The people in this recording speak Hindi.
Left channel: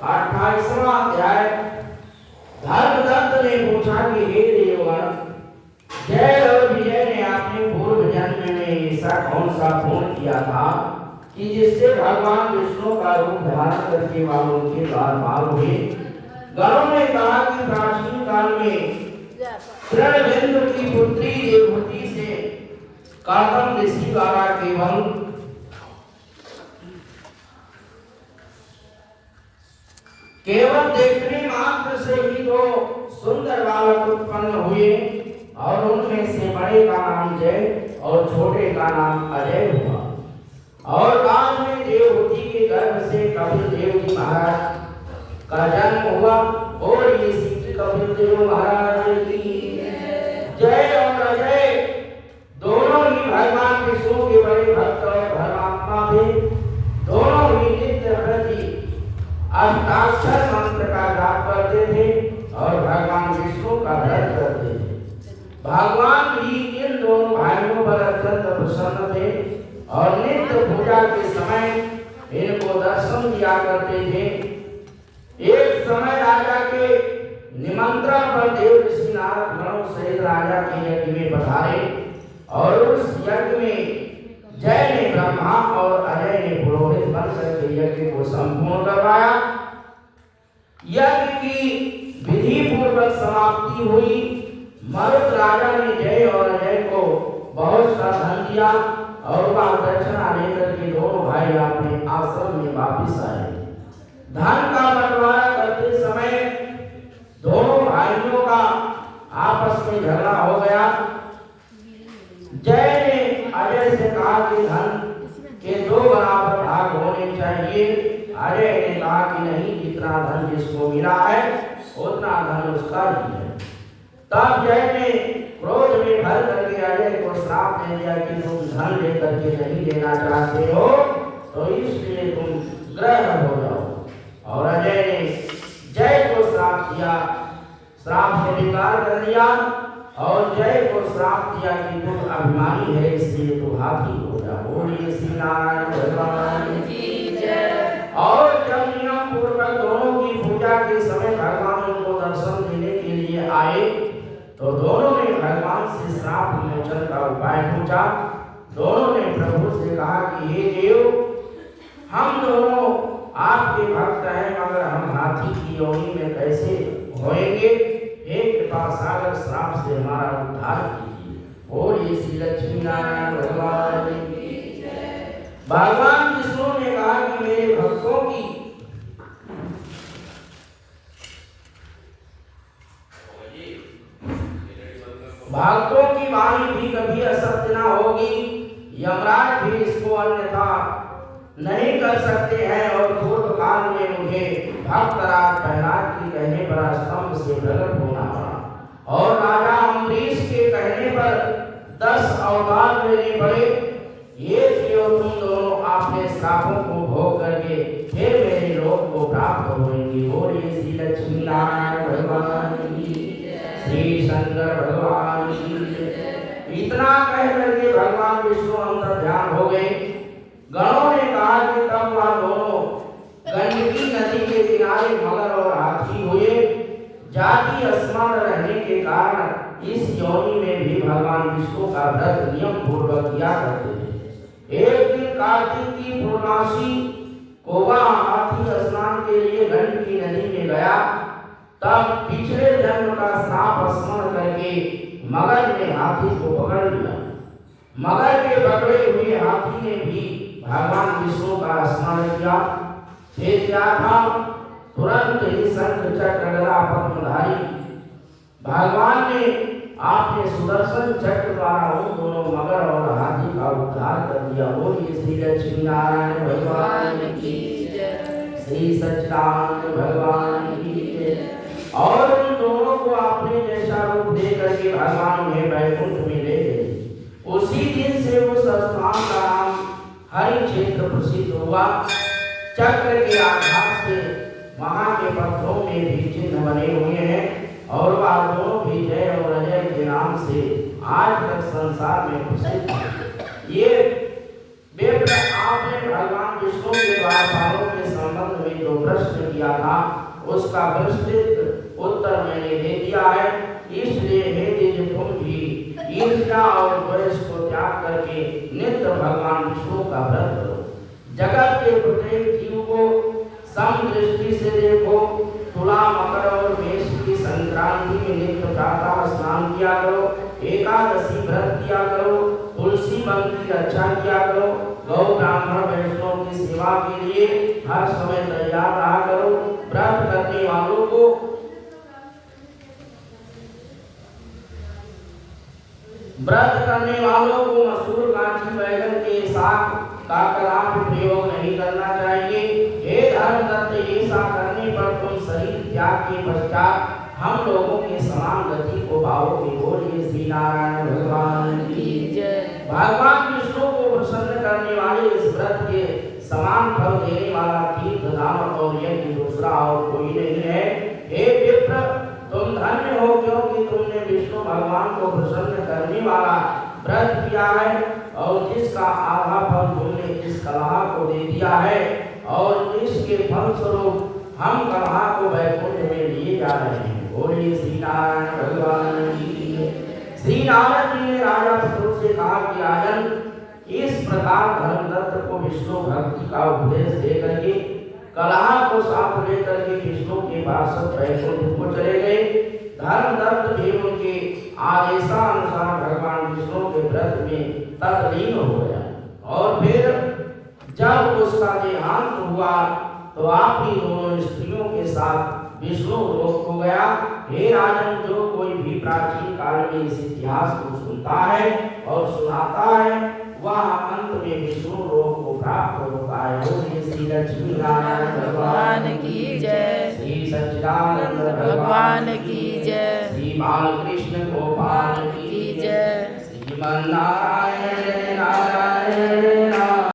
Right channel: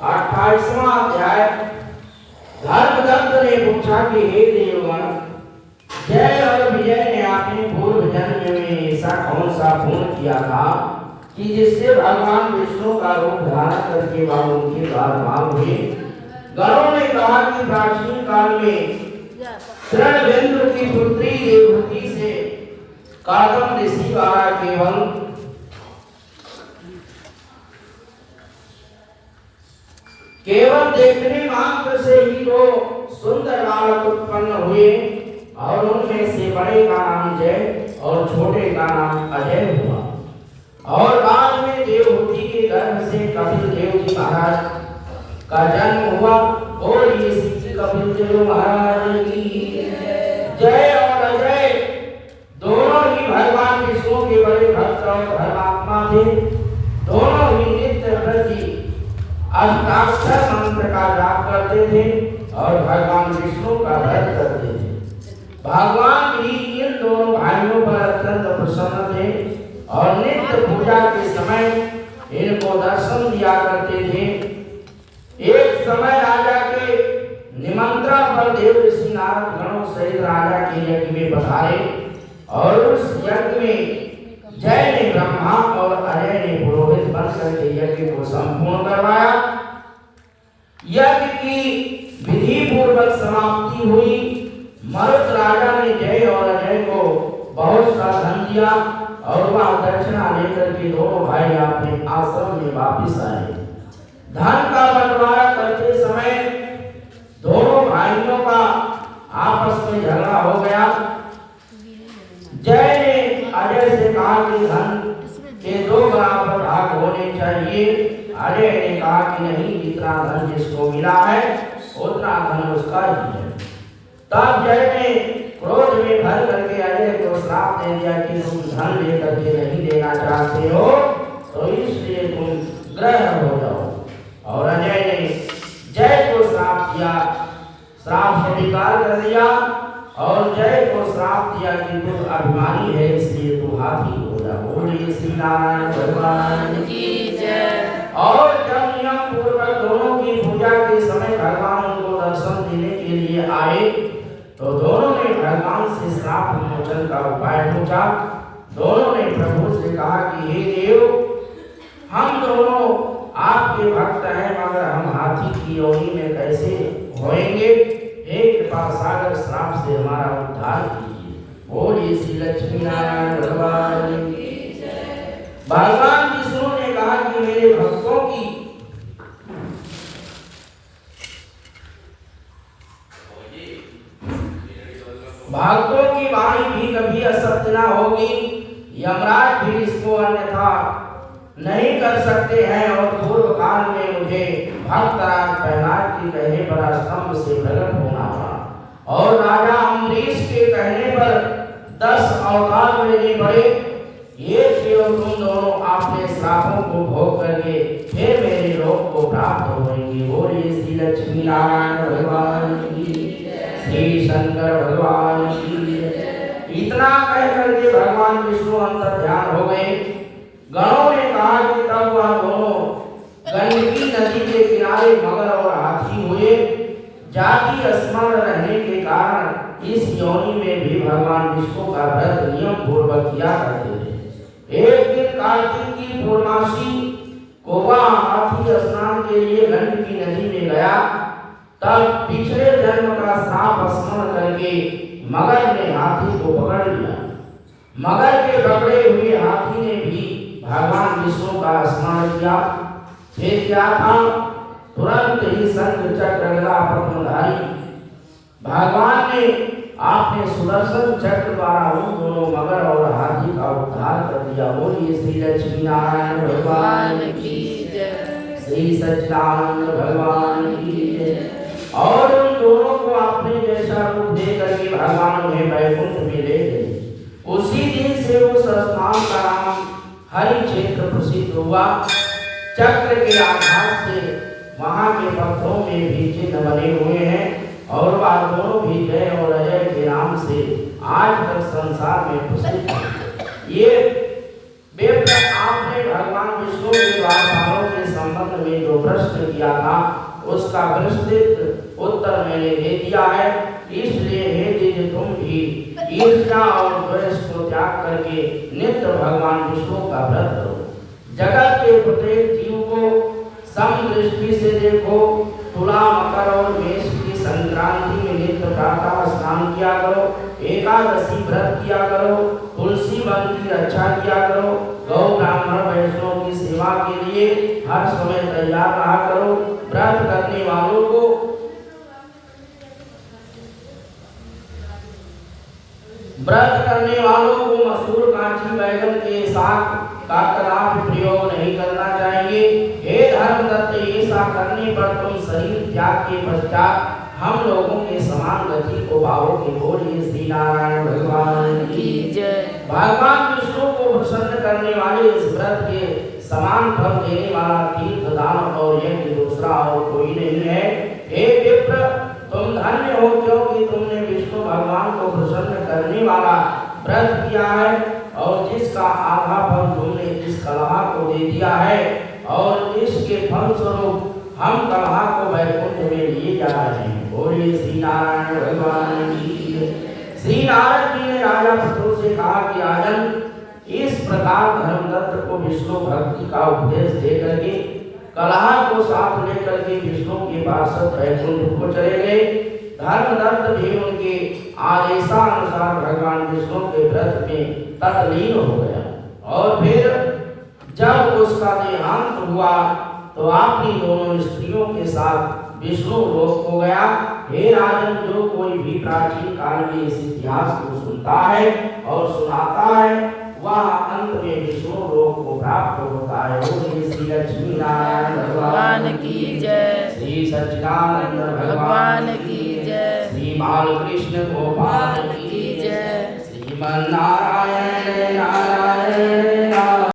28वां अध्याय। धर्मदत्त ने पूछा कि हे देवगण, जय और विजय ने आपने पूर्व जन्म में ऐसा कौन सा पुण्य किया था कि जिससे भगवान विष्णु का रूप धारण करके वह उनके द्वारपाल हुए। गणों ने कहा कि प्राचीन काल में तृणबिंदु की पुत्री देवहूति से काकम ऋषि द्वारा केवल देखने मात्र से ही दो सुंदर बालक उत्पन्न हुए और उनमें से बड़े का नाम जय और छोटे का नाम अजय हुआ। और बाद में देवहूति के गर्भ से कपिल देव जी महाराज का जन्म हुआ। और इसी कपिल देव महाराज की जय और अजय दोनों ही भगवान विष्णु के बड़े भक्त और धर्मात्मा थे। दोनों ही नित्य प्रति अष्टाक्षर मंत्र का जाप करते थे और भगवान विष्णु का ध्यान करते थे। भगवान भी इन दोनों भाइयों पर अत्यंत प्रसन्न थे और नित्य पूजा के समय इनको दर्शन दिया करते थे। एक समय राजा के निमंत्रण पर देव ऋषि नारद गणों सहित राजा के यज्ञ में पधारे और उस यज्ञ में जय ने ब्रह्मा और अजय ने पुरोहित बनकर के यज्ञ को संपूर्ण करवाया। यज्ञ की विधि पूर्वक समाप्ति हुई। मरुत राजा ने जय और अजय को बहुत सा धन दिया और वह दक्षिणा लेकर के दोनों भाई अपने आश्रम में वापिस आए। धन का बंटवारा करते समय दोनों भाइयों का आपस में झगड़ा हो गया। जय ने अजय से कहा कि धन के दो बराबर भाग होने चाहिए। अजय ने कहा कि नहीं, जितना धन जिसको मिला है उतना धन उसका ही है। तब जय ने क्रोध में भर करके अजय को श्राप दे दिया कि तुम धन लेकर के नहीं देना चाहते हो तो इसलिए तुम ग्रह हो जाओ। और अजय ने जय को श्राप दिया, श्राप स्वीकार कर लिया और जय को श्राप दिया कि तू अभिमानी है इसलिए तू हाथी हो जा। बोलिए श्री नारायण भगवान की जय। और जब नियम पूर्वक दोनों की पूजा के समय भगवान उनको दर्शन देने के लिए आए तो दोनों ने भगवान से श्राप विमोचन का उपाय पूछा। दोनों ने प्रभु से कहा कि हे देव, हम दोनों आपके भक्त हैं मगर हम हाथी की योनि में कैसे होएंगे? हे कृपा सागर, श्राप से हमारा उद्धार कीजिए। बोलिए श्री लक्ष्मी नारायण भगवान की जय। भगवान विष्णु ने कहा कि मेरे भक्तों की वाणी भी कभी असत्य ना होगी। यमराज भी इसको अन्यथा नहीं कर सकते हैं। और पूर्व काल में मुझे भक्तराज प्रहलाद के कहने पर स्तंभ से प्रकट होना पड़ा और राजा अम्बरीश के कहने पर 10 अवतार लेने पड़े। ये केवल तुम दोनों अपने श्रापों को भोग करके फिर मेरे लोक को प्राप्त होंगे। बोलिए श्री लक्ष्मी नारायण भगवान की, श्री शंकर भगवान की। इतना कह करके भगवान विष्णु अंतर ध्यान हो गए। गणों ने कहा कि तब वह दोनों गंडकी नदी के किनारे मगर और हाथी हुए। जाति स्मरण रहने के कारण इस योनि में भी भगवान विष्णु का व्रत नियम पूर्वक किया करते थे। एक दिन कार्तिक की पूर्णमासी को वह हाथी स्नान के लिए गंडकी नदी में गया। तब पिछले जन्म का श्राप स्मरण करके मगर ने हाथी को पकड़ लिया। मगर के पकड़े हुए हाथी ने भी भगवान विष्णु का स्मरण किया। फिर क्या था, तुरंत ही शंख चक्र गदा पद्मधारी भगवान ने आपने सुदर्शन चक्र द्वारा उन दोनों मगर और हाथी का उद्धार कर दिया। बोलिए श्री लक्ष्मी नारायण भगवान की जय, श्री सच्चिदानंद भगवान की जय। और उन दोनों को आपने जैसा रूप दे करके भगवान उन्हें वैकुंठ में ले गए। उसी दिन से उस स्थान का नाम हरि क्षेत्र प्रसिद्ध हुआ। चक्र के आधार से वहाँ के पत्थरों में भी चिन्ह बने हुए हैं और वह दोनों भी जय और अजय के नाम से आज तक संसार में प्रसिद्ध है। ये आपने भगवान विष्णु के द्वारपालों के संबंध में जो प्रश्न किया था उसका विस्तृत उत्तर मैंने दे दिया है। इसलिए हे द्विज तुम भी ईर्ष्या और द्वेष को त्याग करके नित्य भगवान विष्णु का व्रत करो। जगत के प्रत्येक जीव को समदृष्टि से देखो। तुला मकर और मेष की संक्रांति में नित्य प्रातः स्नान किया करो। एकादशी व्रत किया करो। तुलसी वन की रक्षा किया करो। गौ ब्राह्मण वैष्णव की सेवा के लिए हर समय तैयार रहा करो। व्रत करने वालों को मसूर कांची बैगन के साग का कदापि प्रयोग नहीं करना चाहिए। हे धर्मदत्त, ऐसा करने पर तुम शरीर त्याग के पश्चात हम लोगों के समान गति को पाओगे। बोलिए श्री नारायण भगवान की जय। भगवान विष्णु को प्रसन्न करने वाले इस व्रत के समान फल देने वाला तीर्थ दान और यज्ञ दूसरा और कोई नहीं है। हे विप्र, तुम धन्य हो क्योंकि तुमने विष्णु भगवान को प्रसन्न करने वाला व्रत किया है और जिसका आधा फल तुमने इस कलहा को दे दिया है और इसके फल स्वरूप हम कलहा को वैकुंठ में लिए जा रहे हैं। बोलिए श्री नारायण भगवान की जय। श्री नारद जी ने राजा पृथु से कहा कि राजन, इस प्रकार धर्मदत्त को विष्णु भक्ति का उपदेश दे करके कलहा को साथ लेकर के विष्णु के पार्षद वैकुंठ को चले गए। धर्मदत्त भी उनके आदेशानुसार भगवान विष्णु के व्रत में तल्लीन हो गया और फिर जब उसका देहांत हुआ तो अपनी दोनों स्त्रियों के साथ विष्णु लोक हो गया। हे राजन, जो कोई भी प्राचीन काल में इस इतिहास को सुनता है और सुनाता है वह अंत में विष्णु लोक को प्राप्त होता है। श्री लक्ष्मी नारायण भगवान की जय। श्री सच्चिदानंद भगवान की जय। श्री बालकृष्ण गोपाल की जय। श्रीमन नारायण नारायण नारायण।